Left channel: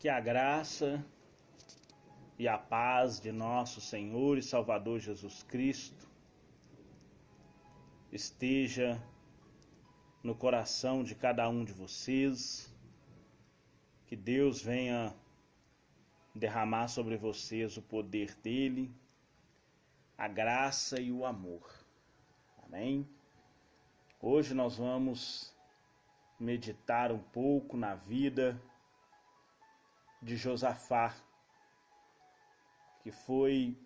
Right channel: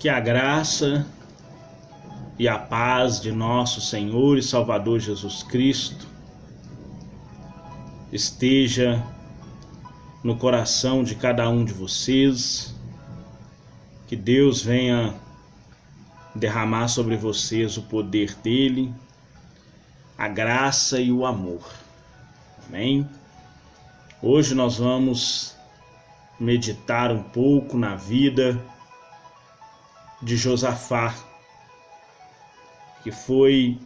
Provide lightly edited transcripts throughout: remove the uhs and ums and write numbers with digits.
Que a graça e a paz de nosso Senhor e Salvador Jesus Cristo esteja no coração de cada um de vocês. Que Deus venha derramar sobre vocês o poder dele, a graça e o amor. Amém? Hoje nós vamos meditar um pouco na vida de Josafá, que foi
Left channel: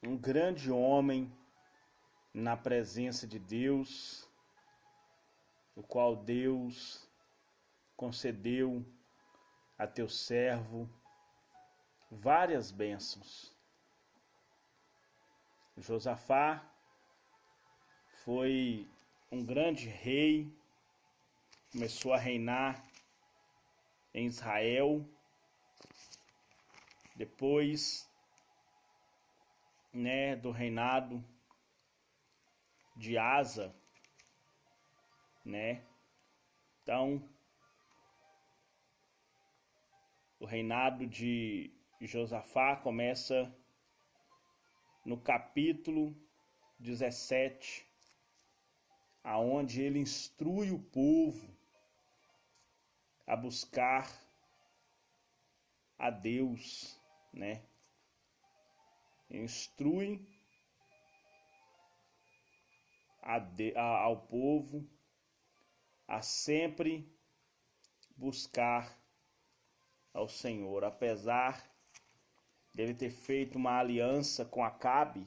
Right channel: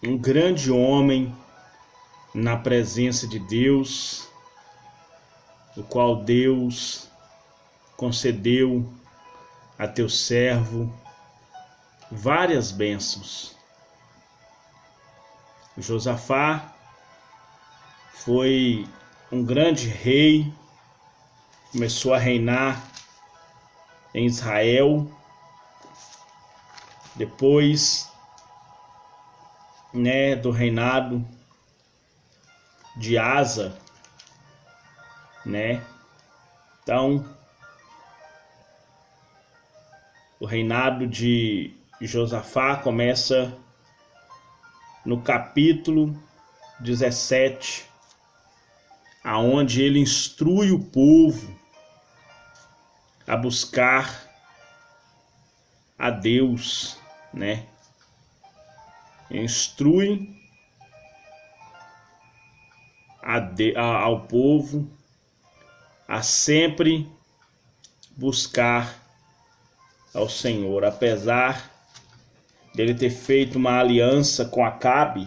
um grande homem na presença de Deus, o qual Deus concedeu a teu servo várias bênçãos. Josafá foi um grande rei, começou a reinar em Israel. Depois, do reinado de Asa, Então, o reinado de Josafá começa no capítulo 17, aonde ele instrui o povo a buscar a Deus, Instrui ao povo a sempre buscar ao Senhor, apesar dele ter feito uma aliança com Acabe,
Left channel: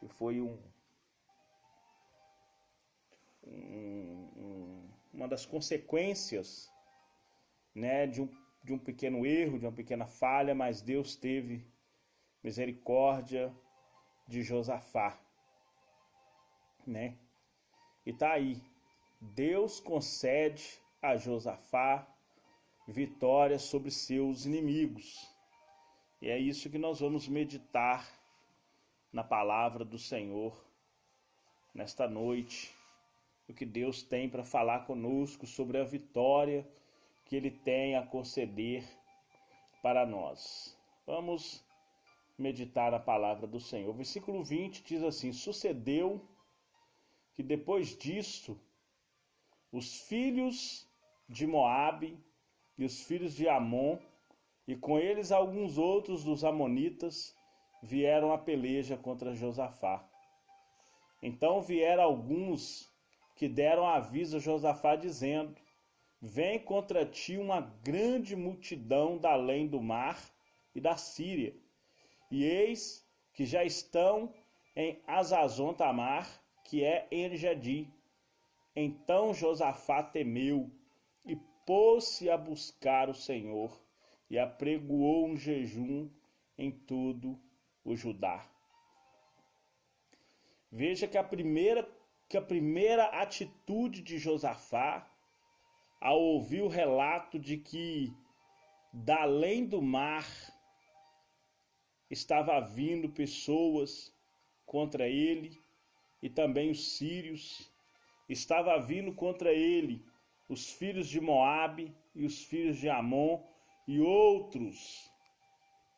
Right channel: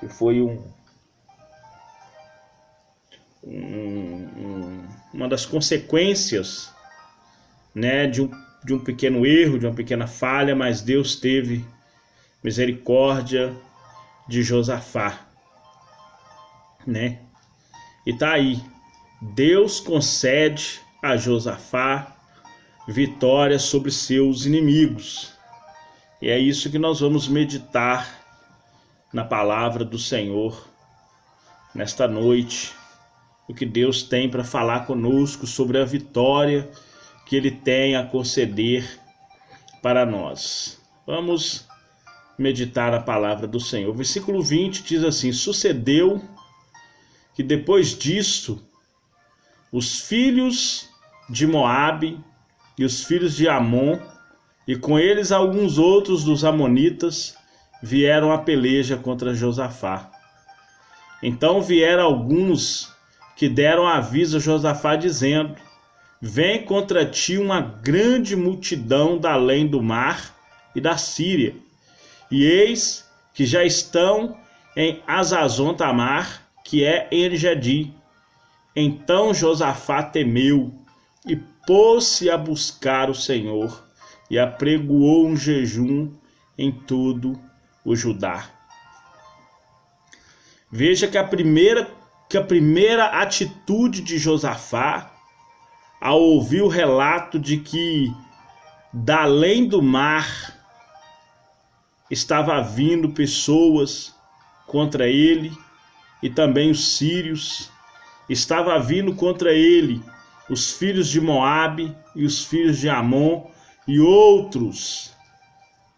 que foi uma das consequências, de um pequeno erro, de uma pequena falha, mas Deus teve misericórdia de Josafá, E tá aí, Deus concede a Josafá vitória sobre seus inimigos. E é isso que nós vamos meditar na palavra do Senhor nesta noite. O que Deus tem para falar conosco sobre a vitória que Ele tem a conceder para nós. Vamos meditar a palavra do Senhor. O versículo 20 diz assim: sucedeu que depois disso, os filhos de Moabe e os filhos de Amon, e com eles alguns outros dos amonitas, vieram à peleja contra Josafá. Então vieram alguns que deram aviso a Josafá, dizendo: vem contra ti uma grande multidão da além do mar e da Síria, e eis que já estão em Hazazon-Tamar, que é em En-Gedi. Então Josafá temeu e pôs-se a buscar o Senhor, e apregoou um jejum em todo o Judá. Veja que a primeira atitude de Josafá, ao ouvir o relato de que da além do mar estava vindo pessoas contra ele, e também os sírios, estava vindo contra ele os filhos de Moabe e os filhos de Amon e outros.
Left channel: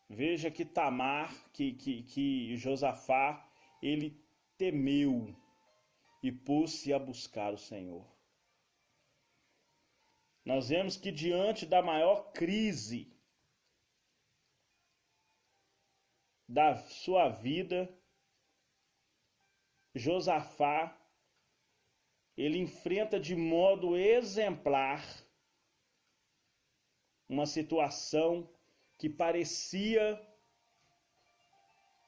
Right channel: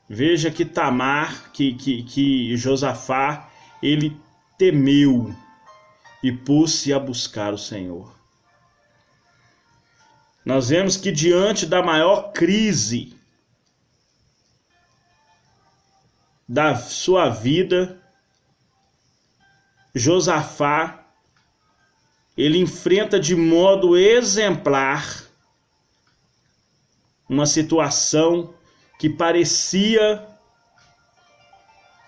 Veja que que Josafá, ele temeu e pôs-se a buscar o Senhor. Nós vemos que diante da maior crise da sua vida, Josafá, ele enfrenta de modo exemplar uma situação que parecia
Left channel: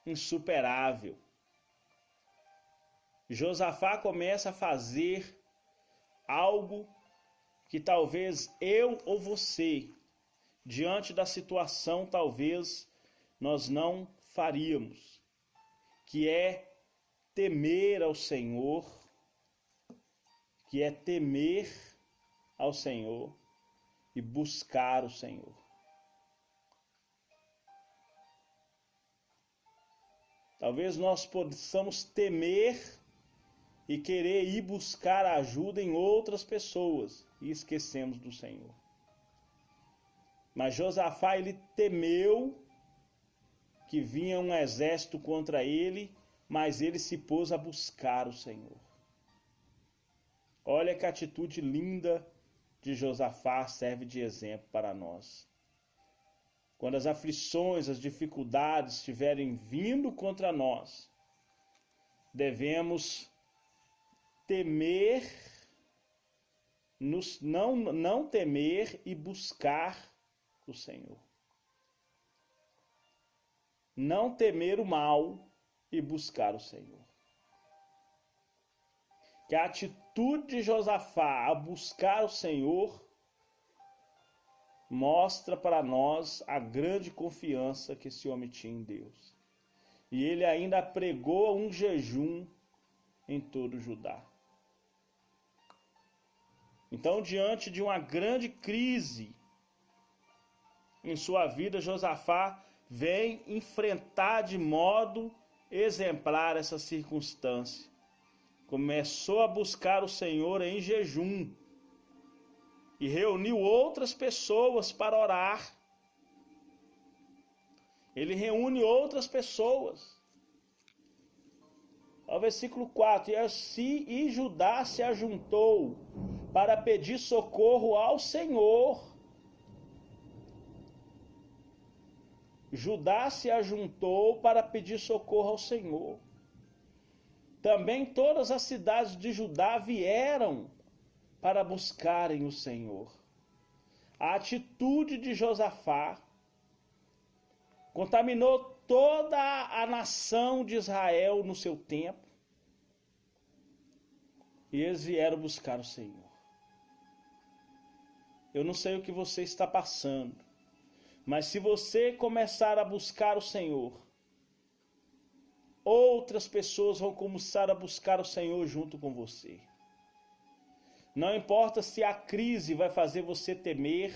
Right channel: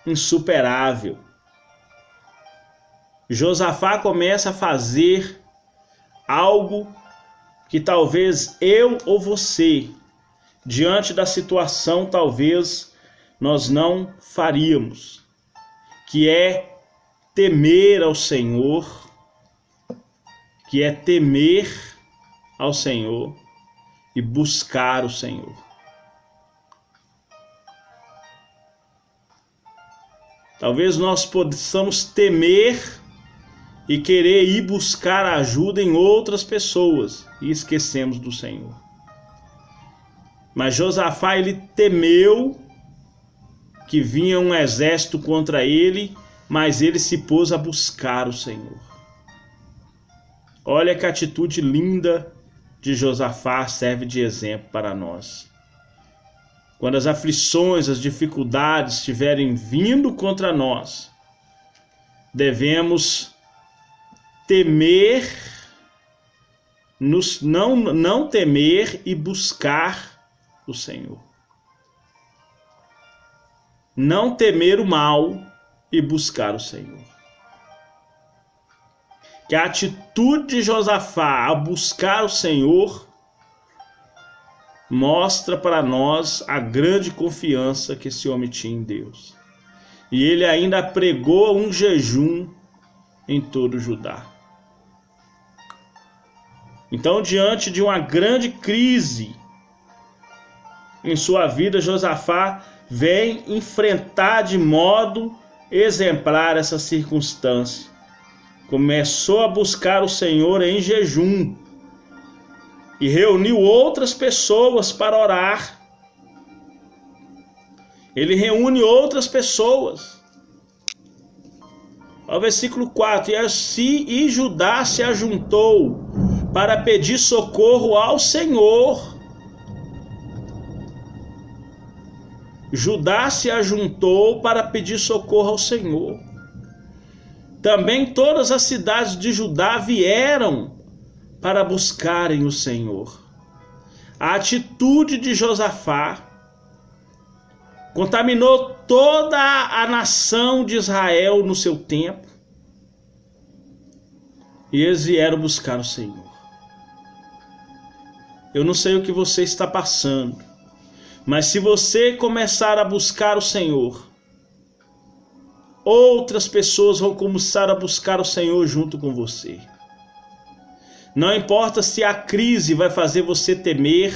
insuperável. Josafá começa a fazer algo que talvez eu ou você, diante da situação, talvez nós não faríamos, que é temer ao Senhor, e buscar o Senhor. Talvez nós possamos temer e querer ir buscar ajuda em outras pessoas e esquecemos do Senhor. Mas Josafá, ele temeu que vinha um exército contra ele, mas ele se pôs a buscar o Senhor. Olha que atitude linda de Josafá serve de exemplo para nós. Quando as aflições, as dificuldades estiverem vindo contra nós, devemos temer, não temer e buscar o Senhor. Não temer o mal e buscar o Senhor. Que a atitude de Josafá a buscar o Senhor mostra para nós a grande confiança que esse homem tinha em Deus. E ele ainda pregou um jejum em todo Judá. Então, diante de uma grande crise em sua vida, Josafá vem enfrentar de modo exemplar essa circunstância. Começou a buscar o Senhor em jejum e reuniu outras pessoas para orar. Ele reúne outras pessoas. Ao versículo 4: e Judá se ajuntou para pedir socorro ao Senhor. Judá se ajuntou para pedir socorro ao Senhor. Também todas as cidades de Judá vieram para buscarem o Senhor. A atitude de Josafá contaminou toda a nação de Israel no seu tempo, e eles vieram buscar o Senhor. Eu não sei o que você está passando, mas se você começar a buscar o Senhor, outras pessoas vão começar a buscar o Senhor junto com você. Não importa se a crise vai fazer você temer,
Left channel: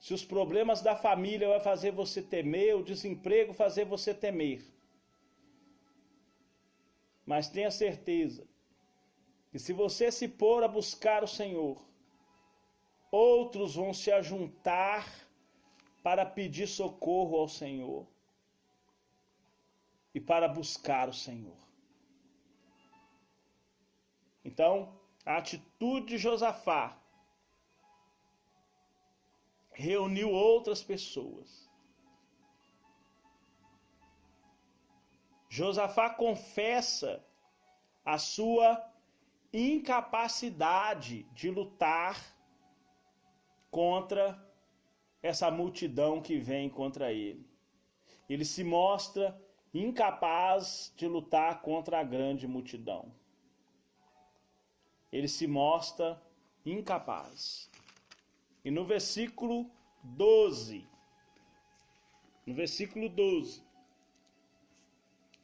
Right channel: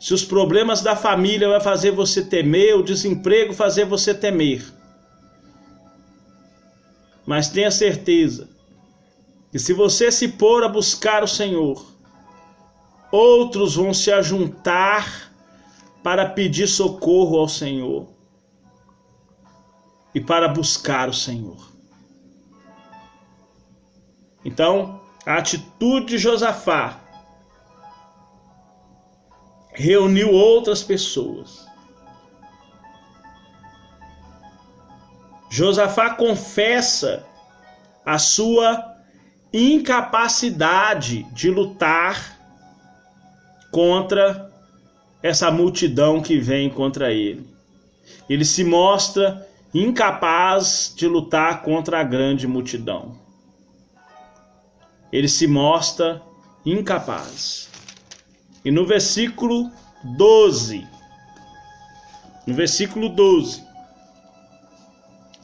se os problemas da família vai fazer você temer, o desemprego fazer você temer. Mas tenha certeza que se você se pôr a buscar o Senhor, outros vão se ajuntar para pedir socorro ao Senhor e para buscar o Senhor. Então, a atitude de Josafá reuniu outras pessoas. Josafá confessa a sua incapacidade de lutar contra essa multidão que vem contra ele. Ele se mostra incapaz de lutar contra a grande multidão. Ele se mostra incapaz. E no versículo 12,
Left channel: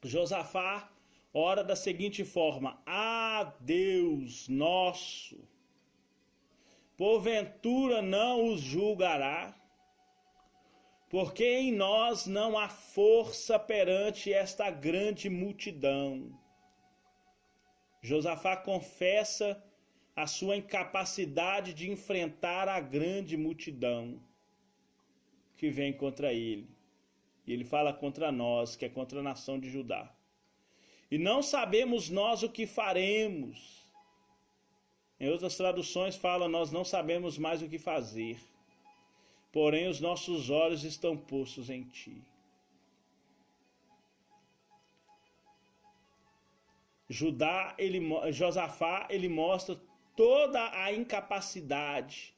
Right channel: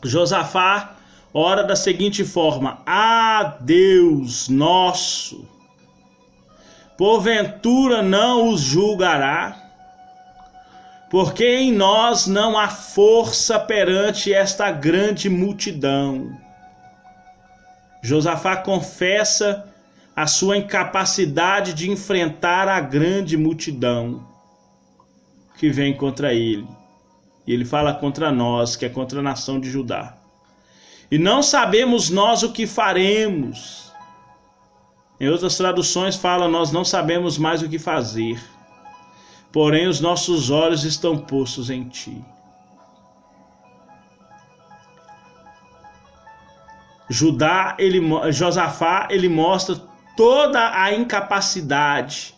Josafá ora da seguinte forma: Ah, Deus nosso, porventura não os julgará? Porque em nós não há força perante esta grande multidão. Josafá confessa a sua incapacidade de enfrentar a grande multidão que vem contra ele. E ele fala contra nós, que é contra a nação de Judá. E não sabemos nós o que faremos. Em outras traduções fala: nós não sabemos mais o que fazer. Porém os nossos olhos estão postos em ti. Josafá, ele mostra toda a incapacidade.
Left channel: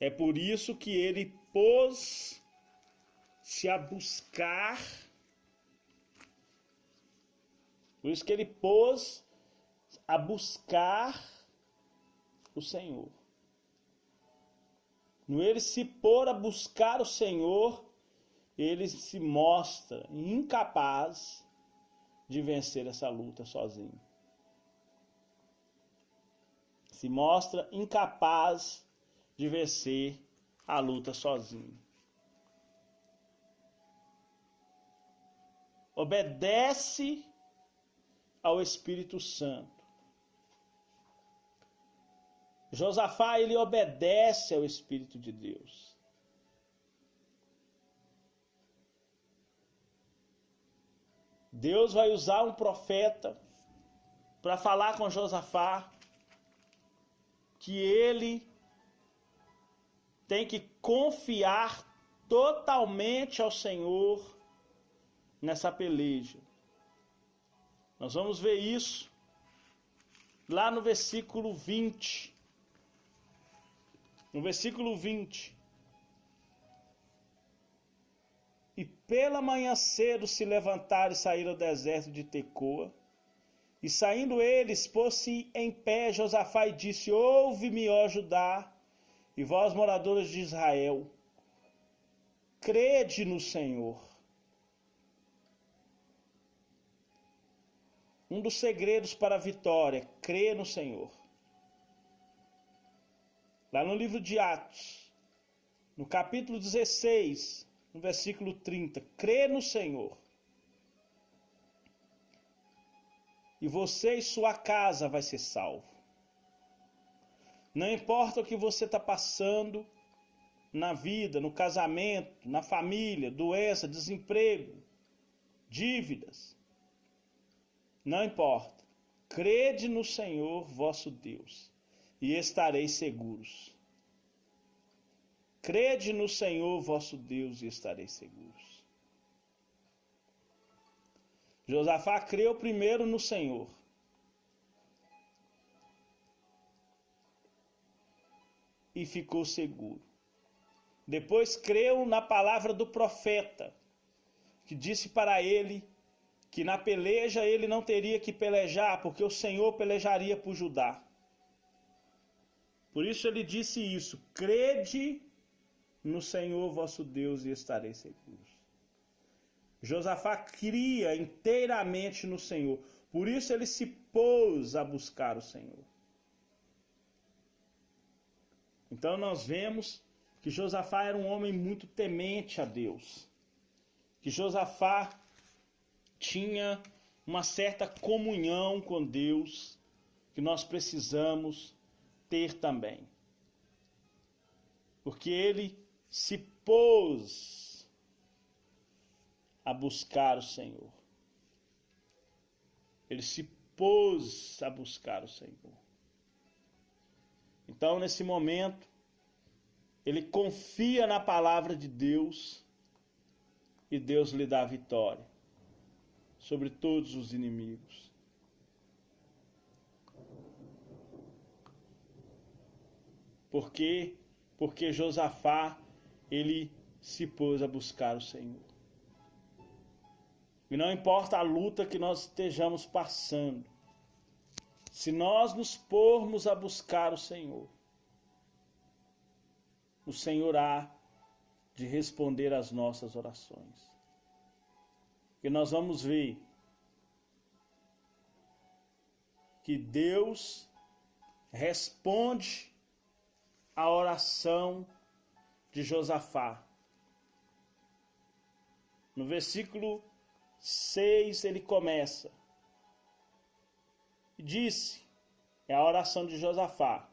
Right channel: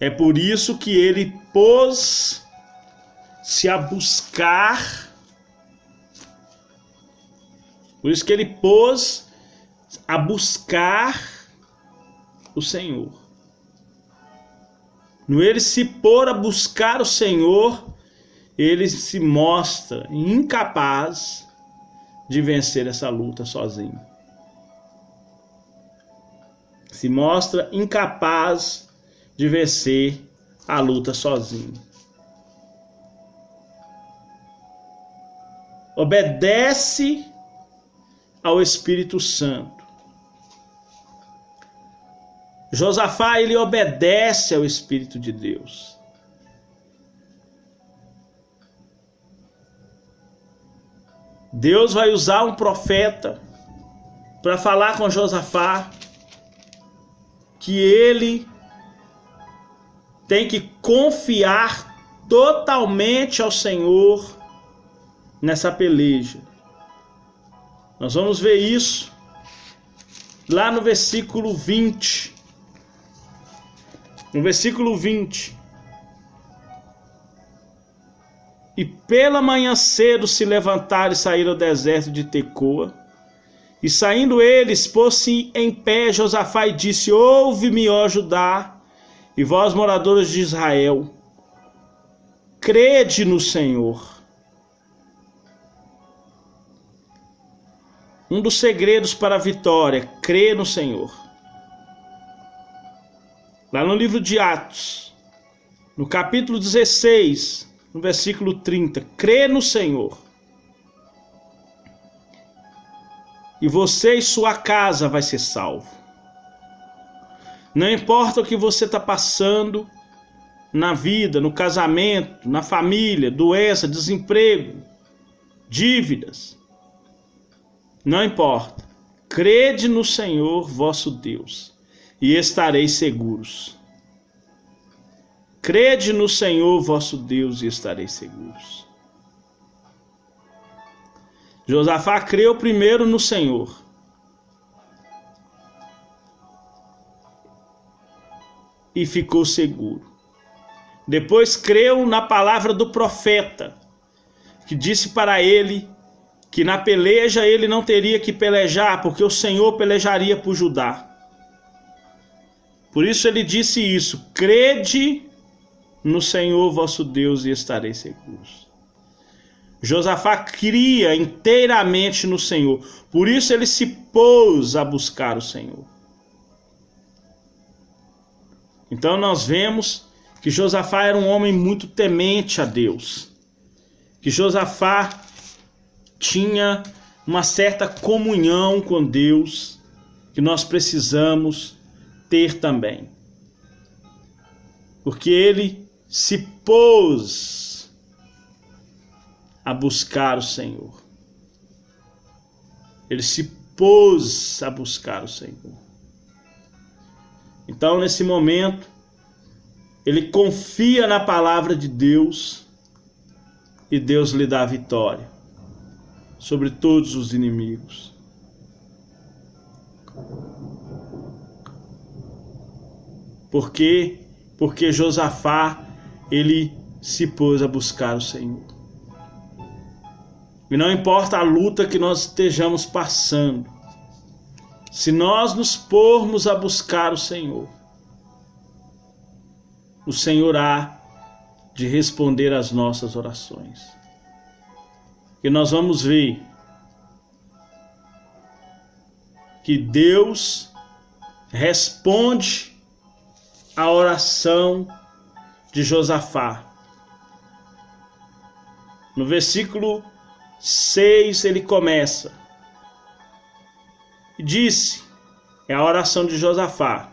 É por isso que ele pôs-se a buscar. Por isso que ele pôs a buscar o Senhor. No ele se pôr a buscar o Senhor, ele se mostra incapaz de vencer essa luta sozinho. Se mostra incapaz de vencer a luta sozinho. Obedece ao Espírito Santo. Josafá, ele obedece ao Espírito de Deus. Deus vai usar um profeta para falar com Josafá que ele tem que confiar totalmente ao Senhor nessa peleja. Nós vamos ver isso lá no versículo 20. No versículo 20. E pela manhã cedo se levantaram e saíram ao deserto de Tecoa. E saindo eles, pôs-se em pé Josafá e disse: Ouve-me, ó Judá, e vós, moradores de Israel, crede no Senhor. Um dos segredos para a vitória, crer no Senhor. Lá no livro de Atos, no capítulo 16, no versículo 30, crê no Senhor. E você e sua casa vai ser salvo. Não importa o que você está passando na vida, no casamento, na família, doença, desemprego, dívidas. Não importa. Crede no Senhor vosso Deus e estareis seguros. Crede no Senhor vosso Deus e estareis seguros. Josafá creu primeiro no Senhor. E ficou seguro. Depois creu na palavra do profeta, que disse para ele que na peleja ele não teria que pelejar, porque o Senhor pelejaria por Judá. Por isso ele disse isso: crede no Senhor vosso Deus e estareis seguros. Josafá cria inteiramente no Senhor. Por isso ele se pôs a buscar o Senhor. Então nós vemos que Josafá era um homem muito temente a Deus. Que Josafá tinha uma certa comunhão com Deus que nós precisamos ter também. Porque ele se pôs a buscar o Senhor. Ele se pôs a buscar o Senhor. Então, nesse momento, ele confia na palavra de Deus e Deus lhe dá a vitória sobre todos os inimigos. Por quê? Porque Josafá, ele se pôs a buscar o Senhor. E não importa a luta que nós estejamos passando, se nós nos pormos a buscar o Senhor há de responder às nossas orações. E nós vamos ver que Deus responde a oração de Josafá. No versículo 6 ele começa e disse, é a oração de Josafá:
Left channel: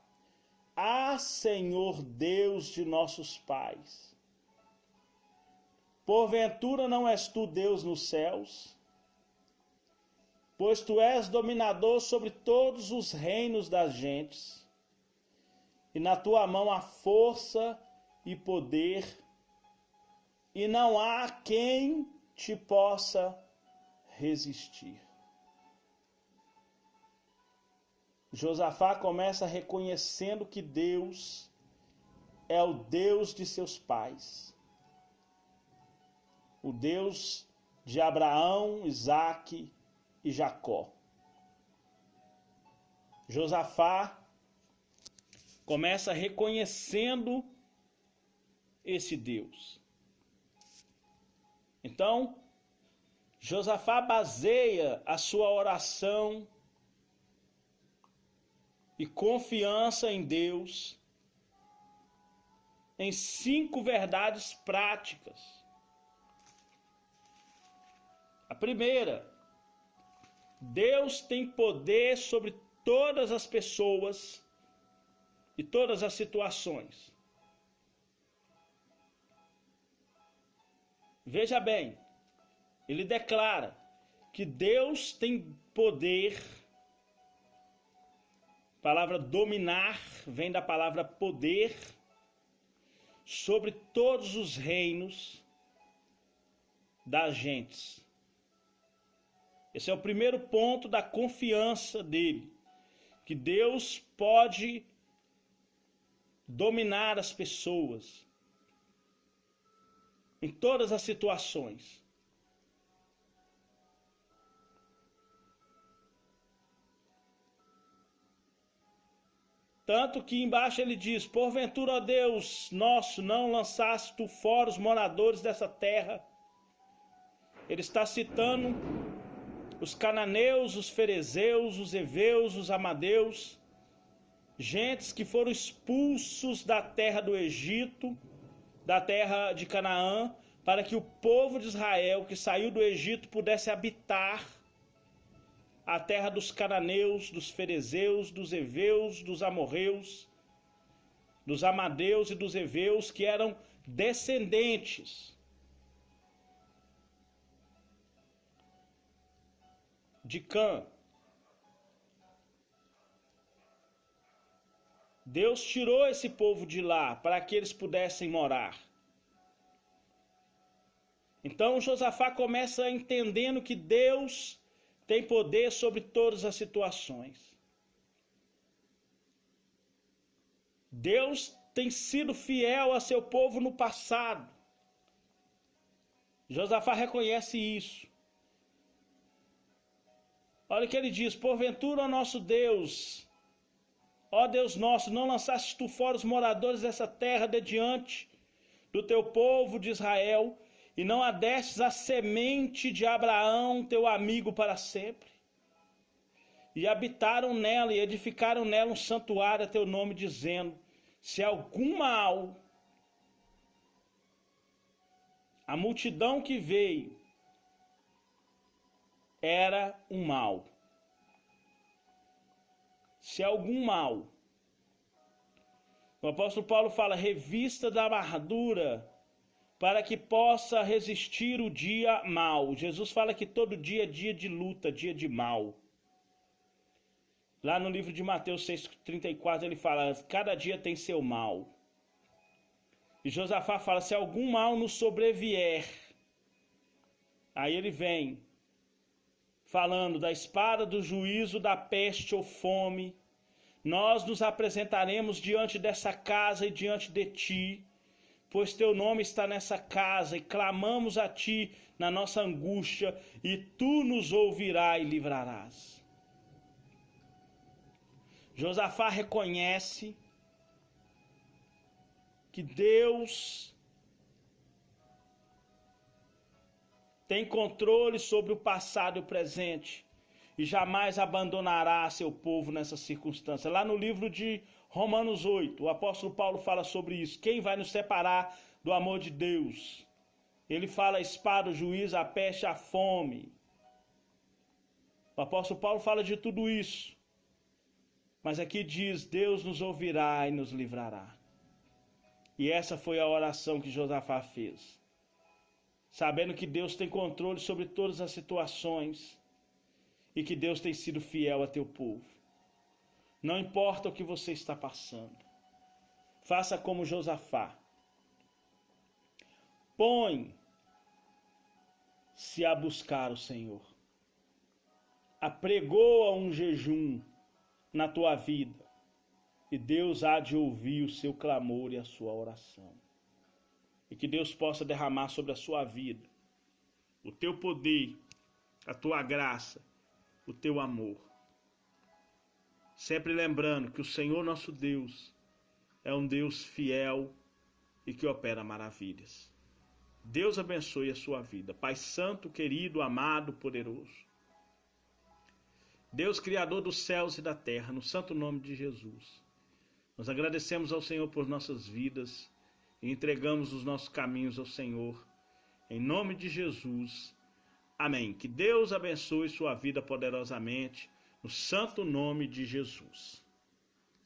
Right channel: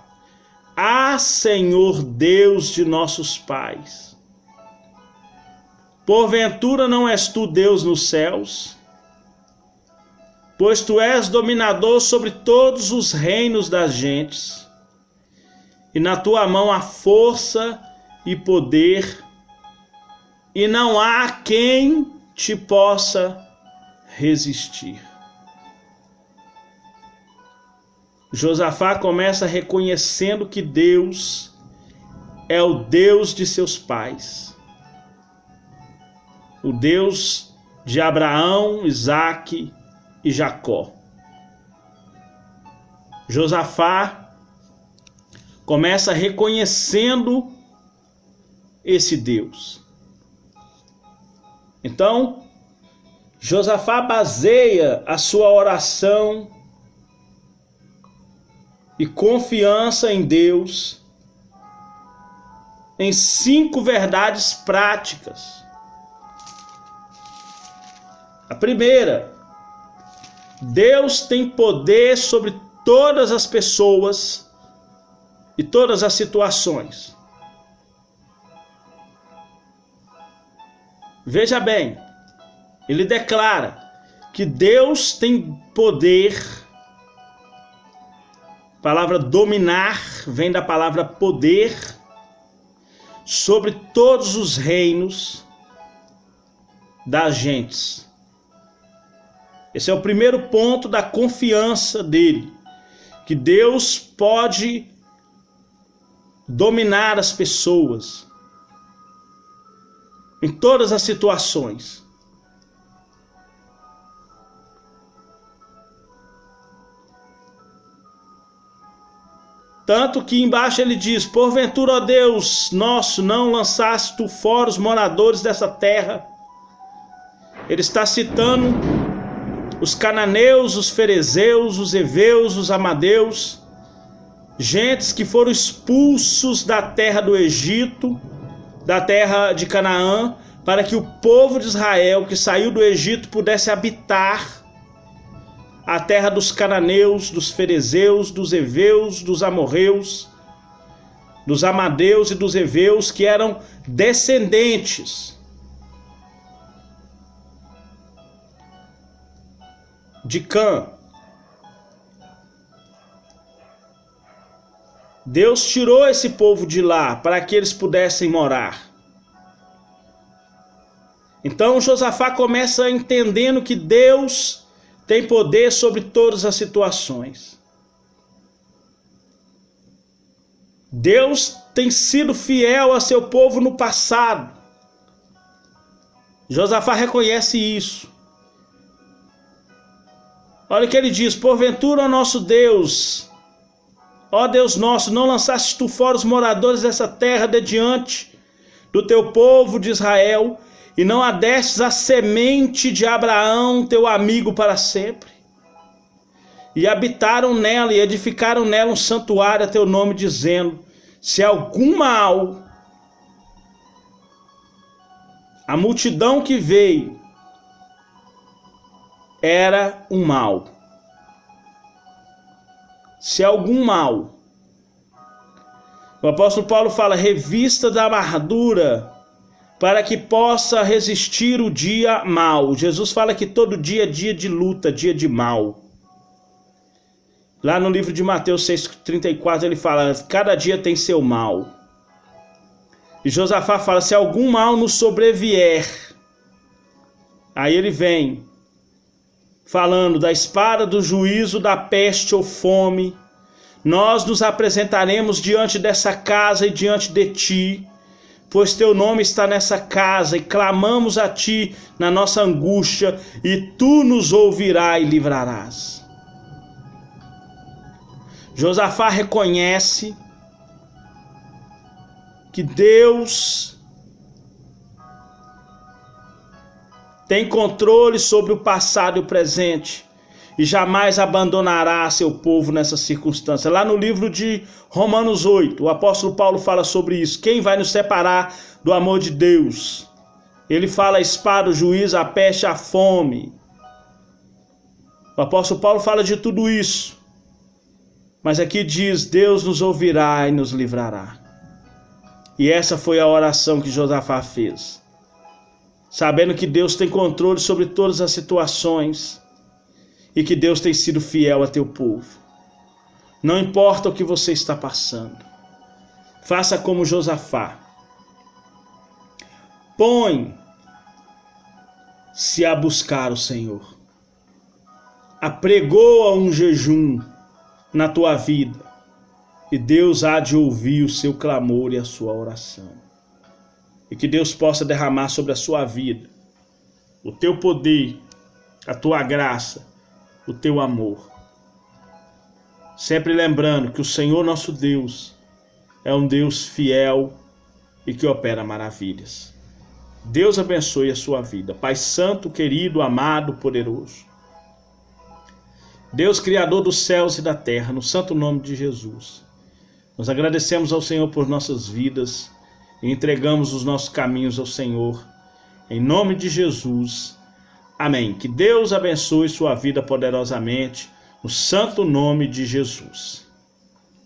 Ah, Senhor Deus de nossos pais, porventura não és tu Deus nos céus? Pois tu és dominador sobre todos os reinos das gentes, e na tua mão há força e poder, e não há quem te possa resistir. Josafá começa reconhecendo que Deus é o Deus de seus pais, o Deus de Abraão, Isaque e Jacó. Josafá começa reconhecendo esse Deus. Então, Josafá baseia a sua oração e confiança em Deus em 5 verdades práticas. A primeira: Deus tem poder sobre todas as pessoas e todas as situações. Veja bem, ele declara que Deus tem poder. A palavra dominar vem da palavra poder sobre todos os reinos das gentes. Esse é o primeiro ponto da confiança dele, que Deus pode dominar as pessoas em todas as situações. Tanto que embaixo ele diz: porventura, ó Deus nosso, não lançaste tu fora os moradores dessa terra. Ele está citando os cananeus, os ferezeus, os heveus, os amadeus, gentes que foram expulsos da terra do Egito, da terra de Canaã, para que o povo de Israel que saiu do Egito pudesse habitar a terra dos cananeus, dos ferezeus, dos heveus, dos amorreus, dos amadeus e dos heveus, que eram descendentes de Cã. Deus tirou esse povo de lá para que eles pudessem morar. Então Josafá começa entendendo que Deus tem poder sobre todas as situações. Deus tem sido fiel a seu povo no passado. Josafá reconhece isso. Olha o que ele diz: porventura, ó nosso Deus, ó Deus nosso, não lançaste tu fora os moradores dessa terra de diante do teu povo de Israel, e não adestes a semente de Abraão, teu amigo, para sempre. E habitaram nela e edificaram nela um santuário a teu nome, dizendo: se algum mal, a multidão que veio era um mal. Se algum mal, o apóstolo Paulo fala: revista da amargura, para que possa resistir o dia mau. Jesus fala que todo dia é dia de luta, dia de mal. Lá no livro de Mateus 6,34 ele fala: cada dia tem seu mal. E Josafá fala: se algum mal nos sobrevier. Aí ele vem falando da espada, do juízo, da peste ou fome. Nós nos apresentaremos diante dessa casa e diante de ti, pois teu nome está nessa casa, e clamamos a ti na nossa angústia, e tu nos ouvirás e livrarás. Josafá reconhece que Deus tem controle sobre o passado e o presente, e jamais abandonará seu povo nessa circunstância. Lá no livro de Romanos 8, o apóstolo Paulo fala sobre isso. Quem vai nos separar do amor de Deus? Ele fala: a espada, o juízo, a peste, a fome. O apóstolo Paulo fala de tudo isso. Mas aqui diz: Deus nos ouvirá e nos livrará. E essa foi a oração que Josafá fez, sabendo que Deus tem controle sobre todas as situações e que Deus tem sido fiel a teu povo. Não importa o que você está passando, faça como Josafá. Põe-se a buscar o Senhor. Apregoa um jejum na tua vida, e Deus há de ouvir o seu clamor e a sua oração. E que Deus possa derramar sobre a sua vida o teu poder, a tua graça, o teu amor. Sempre lembrando que o Senhor nosso Deus é um Deus fiel e que opera maravilhas. Deus abençoe a sua vida. Pai santo, querido, amado, poderoso. Deus criador dos céus e da terra, no santo nome de Jesus, nós agradecemos ao Senhor por nossas vidas e entregamos os nossos caminhos ao Senhor. Em nome de Jesus. Amém. Que Deus abençoe sua vida poderosamente, no santo nome de Jesus.